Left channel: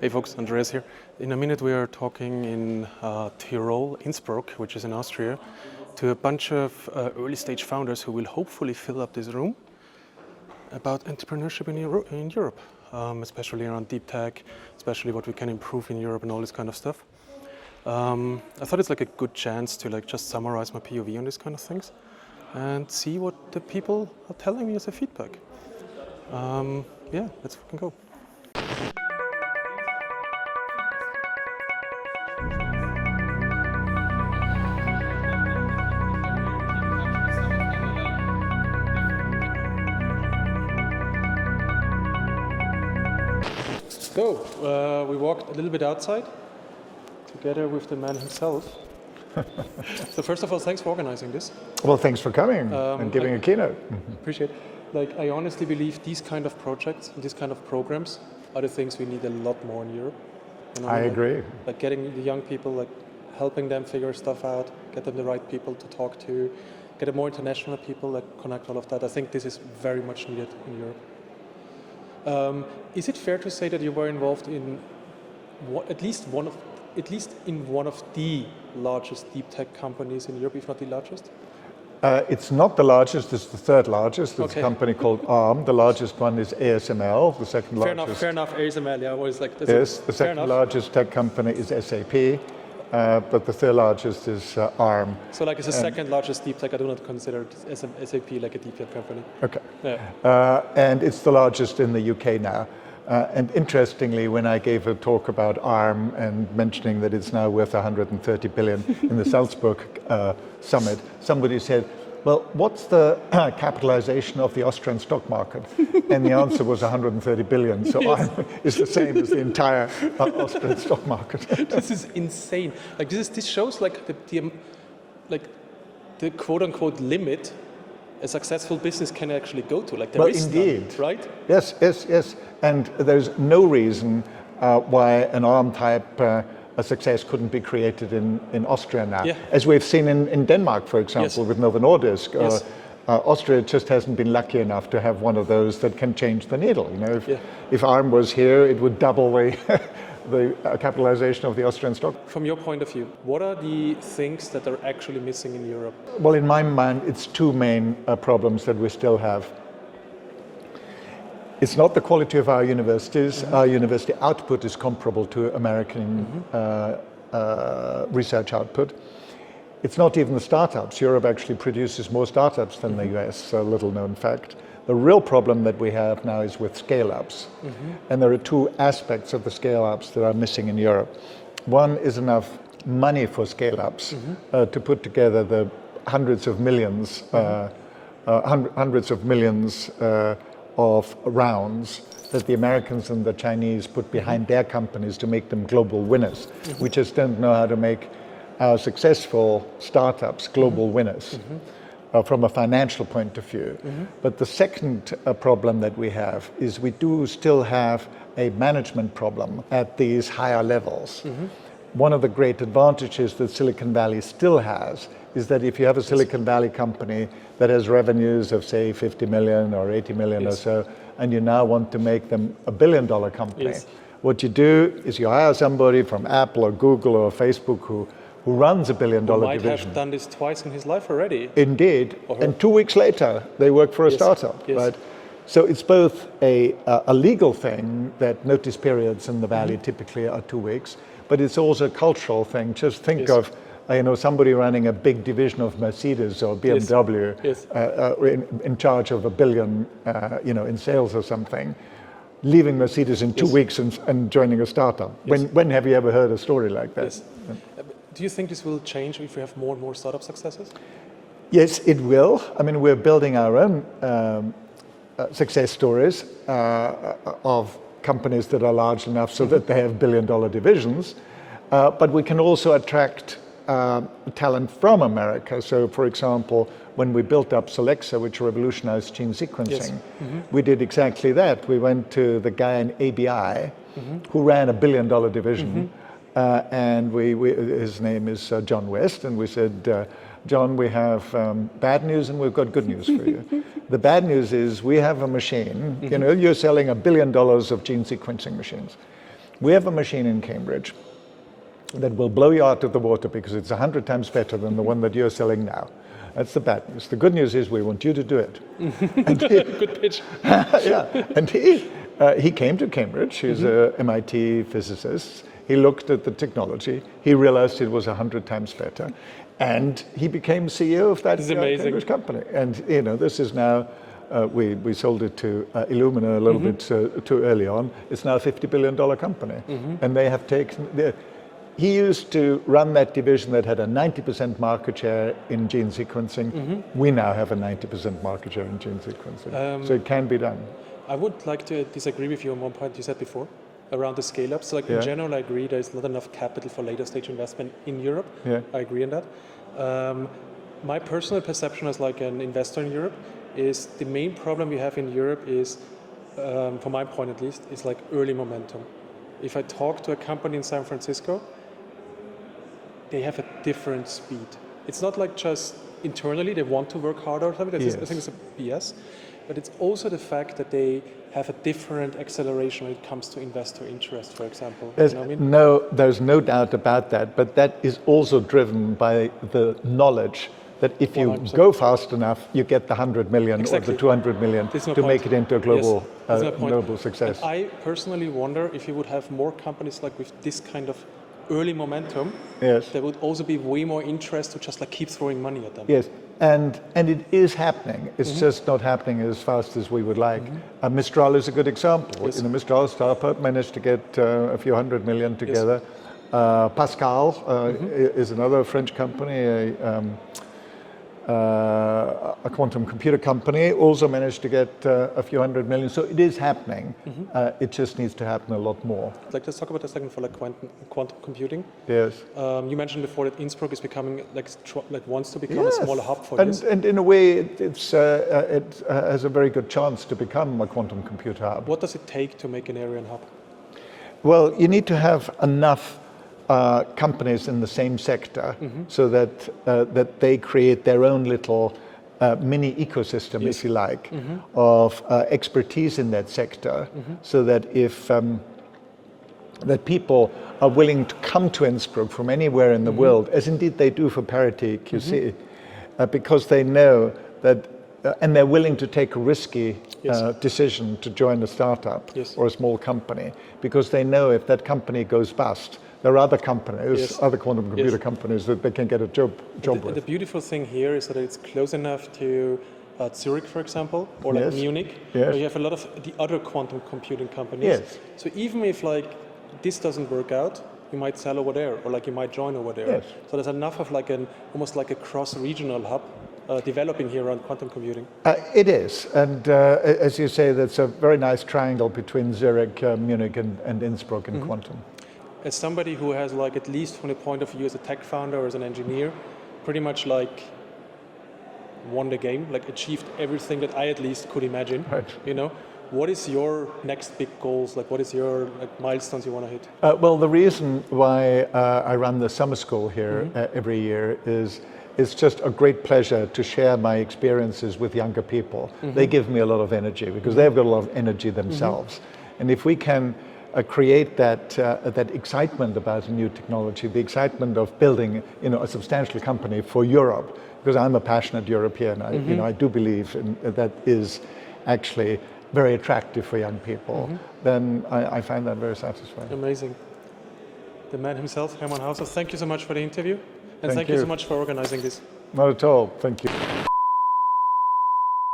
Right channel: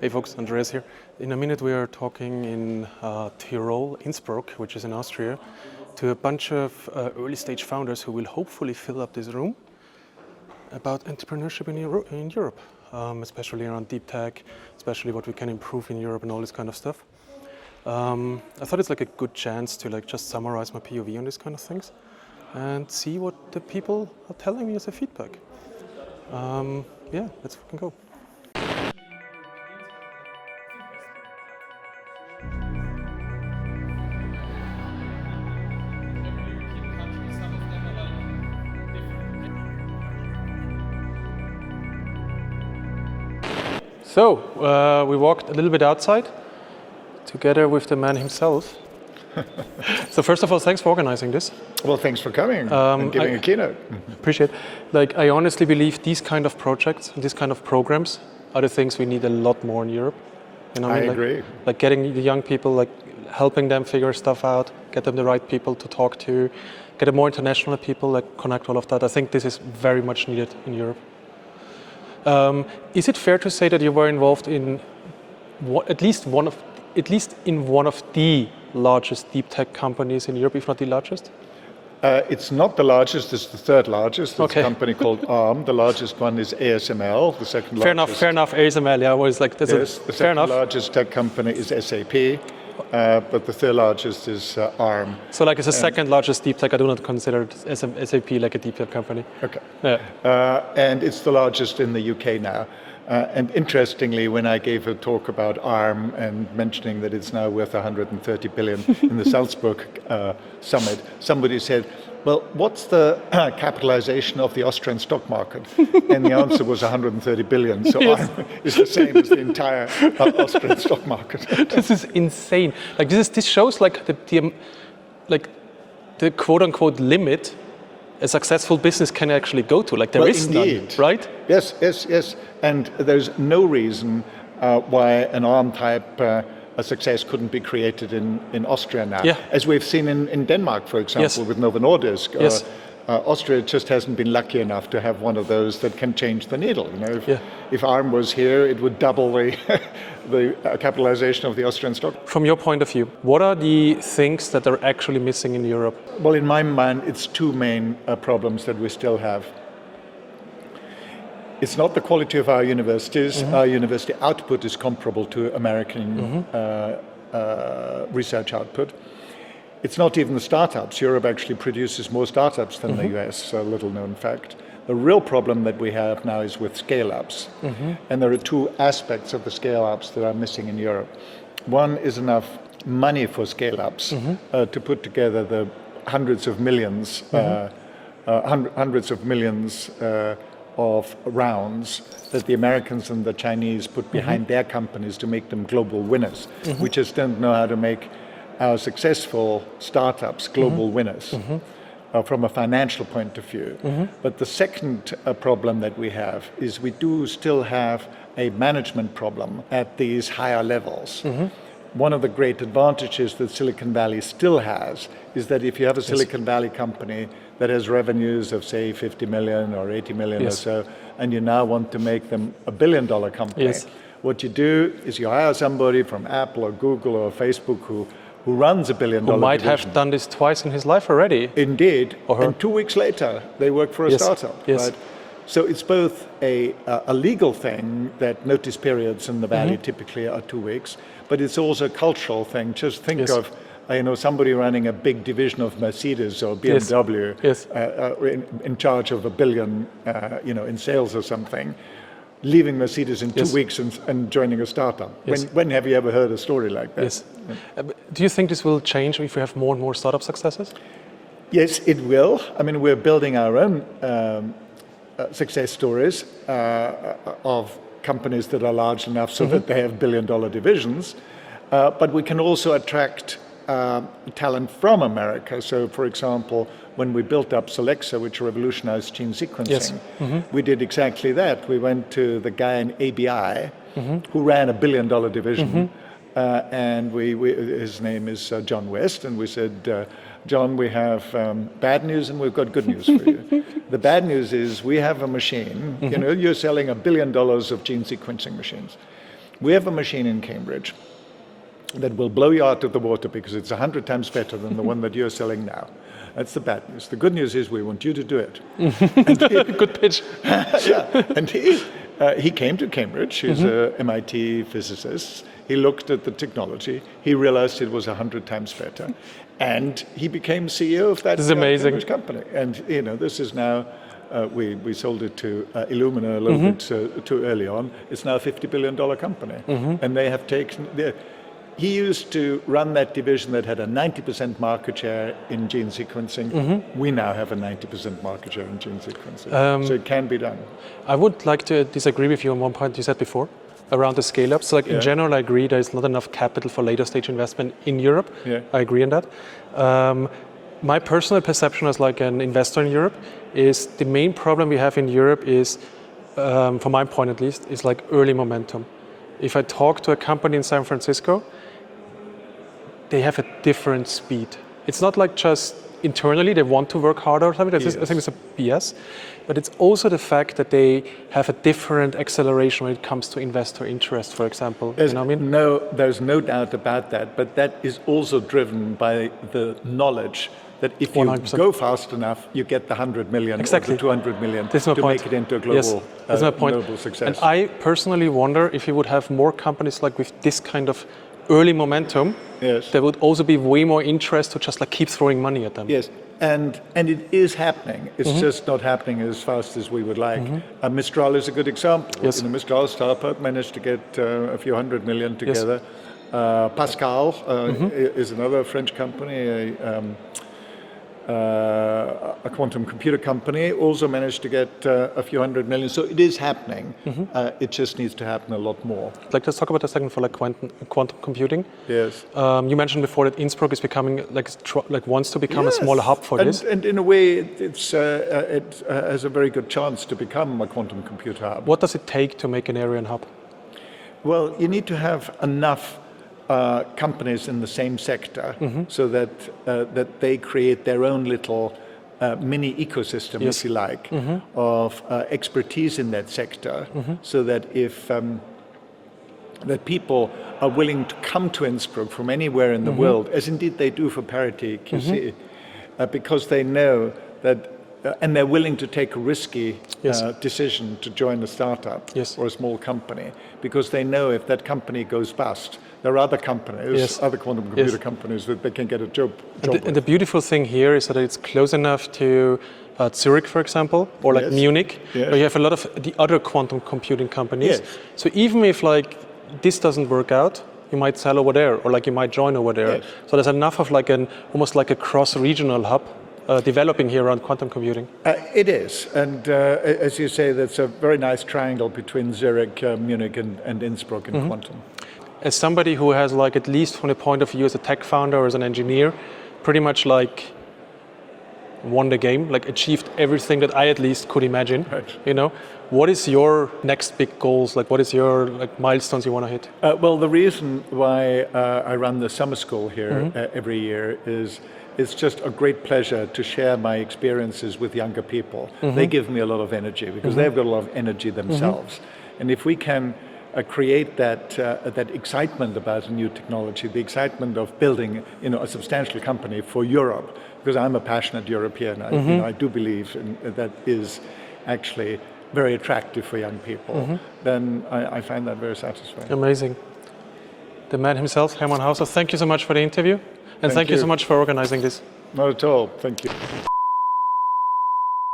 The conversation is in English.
Hey folks, Andreas here. In a minute we are talking in Tyrol, Innsbruck, which is in Austria, to a bunch of early stage founders who will hopefully fill up this room about entrepreneurship in Europe, especially around deep tech, especially what we can improve in Europe and all this kind of stuff. I thought it's like a good chance to like just summarize my POV on these kind of things and see what the people are telling me as a feedback. Yeah, let's fucking go. So, we walked a little bit outside together with the man himself. So first of all, thanks for organizing this. Well, thanks for coming and giving a keynote. Appreciate it. Like, I honestly believe these kind of projects, these kind of programs are the things we need a lot more in Europe. You know, I agree. Like getting the young people, like helping them figure stuff out, get them the right people to talk to, get them more international people, like connect all of that. I think this is very much needed in Europe. Is it fair to say that you were involved in at least in one of the largest deep tech companies in Europe, if not the largest? It's not the largest, it's the third largest. It's a company called ARM. The largest one is ASML, the second largest. Fair enough, ASML, yeah, was like, that's the second largest tech company is SAP, but the third largest is ARM. So like it's the second largest deep tech, I do not consider SAP like a deep tech company. Okay. Yeah. And it's the largest in the UK now. And interestingly, when I gave a talk about ARM and mentioning that it's now worth 130 billion in the Salzburg summit, somebody said, well, what's the capitalization of the Austrian stock market? And the answer was 130 billion. So yes. ARM is the same as the entire Austrian stock market. This is insane. Like this shows like the quote unquote limit a successful business can actually go to. Like there is none, right? Yes. And there's no reason why an ARM type a success couldn't be created in Austria now. Yeah. As we've seen in Denmark, for example, with Novo Nordisk. Yes. Austria just hasn't been lucky enough to have one of those that can change the needle. You know, if ARM was here, it would double the capitalization of the Austrian stock. From your point of view, what are the things that are actually missing in Europe? Well, in my mind, it's two main problems that we still have. It's not the quality of our universities. Our university output is comparable to American research output. It's not even the startups. Europe actually produces more startups than the US, a little known fact. The real problem that we have now is with scale-ups. And there are two aspects of the scale-ups that are missing in Europe. One is enough money for scale-ups to put together the hundreds of millions of rounds that the Americans and the Chinese put behind their companies to make them global winners. We just don't know how to make our successful startups global winners from a financial point of view. But the second problem that we have is we do still have a management problem at these higher levels. One of the great advantages that Silicon Valley still has is that if you have a Silicon Valley company that has revenues of, say, 50 million or 80 million or so, and you now want to make them a billion-dollar company, what you do is you hire somebody from Apple or Google or Facebook who runs a billion-dollar division. Who might division. have done this twice in his life already. Indeed. And 2 weeks later, they work for a startup. Right? So it's both a legal thing that notice periods in the Valley typically are 2 weeks, but it's also a cultural thing. Just think of somebody running a big division of Mercedes or BMW in charge of $1 billion in sales or something, leaving Mercedes in 2 weeks and joining a startup. When have you ever heard a story like that? Do you think this will change if we have more and more startup successes? Yes, it will. I mean, we're building our own success stories of companies that are large enough so that they have billion-dollar divisions. But we can also attract talent from America. So, for example, when we built up Solexa, which revolutionized gene sequencing, we did exactly that. We went to the guy in ABI who ran a billion-dollar division, and his name is John West, and we said, John, we have bad news and we've got good news for you. The bad news is we have a machine, you're selling $1 billion of gene sequencing machines. We have a machine in Cambridge that will blow you out of the water because it's 100 times better than the one that you're selling now. That's the bad news. The good news is we want you to do it. Good pitch. Yeah, and he came to Cambridge. He's a MIT physicist. He looked at the technology. He realized it was 100 times better, and he became CEO of that Cambridge company. And this is now. We sold it to Illumina a little bit too early on. It's now a $50 billion company, and they have taken. He used to run that division that had a 90% market share in gene sequencing. We now have a 90% market share in gene sequencing. So it can be done. I would like to disagree with you on one point you said before around the scale-up. So in general, I agree there's not enough capital for later stage investment in Europe. Yeah. I agree on that. My personal perception as like an investor in Europe is the main problem we have in Europe is, from my point at least, is like early momentum. If I talk to a company in San Francisco, they have a different speed. It's not like just internally they want to work harder or something. I think it's a BS. But it's also the fact that they have a different acceleration when it comes to investor interest, for example. There's no doubt about that. But that is also driven by the knowledge that if you 100%. Go fast enough, you get the 100 million or the 200 million to make it into a global, global success. And I personally wonder if you would have more companies like with this kind of early momentum, there would also be way more interest to just like keep throwing money at them. Yes, and it is happening. It's just not happening as fast as we would like. Mistral is a good example. Yes. Mistral Startup managed to get a few 100 million together. Yes. Pascal is another French company, a quantum computer company, also managed to get a few 100 million. So it is happening. It just needs to happen a lot more. Let's talk about a second for like quantum computing. Yes. You mentioned before that Innsbruck is becoming wants to become a smaller hub for this. And in a way, it has a very good chance to become a quantum computer hub. What does it take to make an area hub? Well, you need to have enough companies in the same sector so that they create their own little mini ecosystem, if you like, of expertise in that sector, so that if that people are willing to come to Innsbruck from anywhere in the world, as indeed they do for Parity QC, because they know that and they're willing to take a risky decision to join a startup or a small company, because they know if that company goes bust, there are other companies, other quantum computer companies that they can get a job with. And the beautiful thing here is that it's close enough to Zurich, for example, or like Munich, where you have a lot of the other quantum computing companies. So even if like this doesn't work out, you might sell over there, or like you might join over there. So there's enough of like almost like a cross-regional hub developing here around quantum computing. It is, and as you say, that's a very nice triangle between Zurich, Munich, and Innsbruck in quantum. As somebody who has like, at least from the point of view as a tech founder or as an engineer, pretty much like won the game, like achieved everything that I at least could imagine, what is your next big goals? Like what is your like milestones you want to hit? Well, the reason why I run the summer school here every year is it's just a great pleasure to share my experiences with younger people. They give me a lot of energy because they've got a lot of energy themselves. And if we can create that excitement about a new technology, the excitement of building a substantial company for Europe, because I'm a passionate European, I do believe that is actually very attractive for young people, then I find that very satisfying. Amazing. The man himself, Hermann Hauser, thank you so much for the interview. And thank you so much for organizing this. Not at all. Thank you.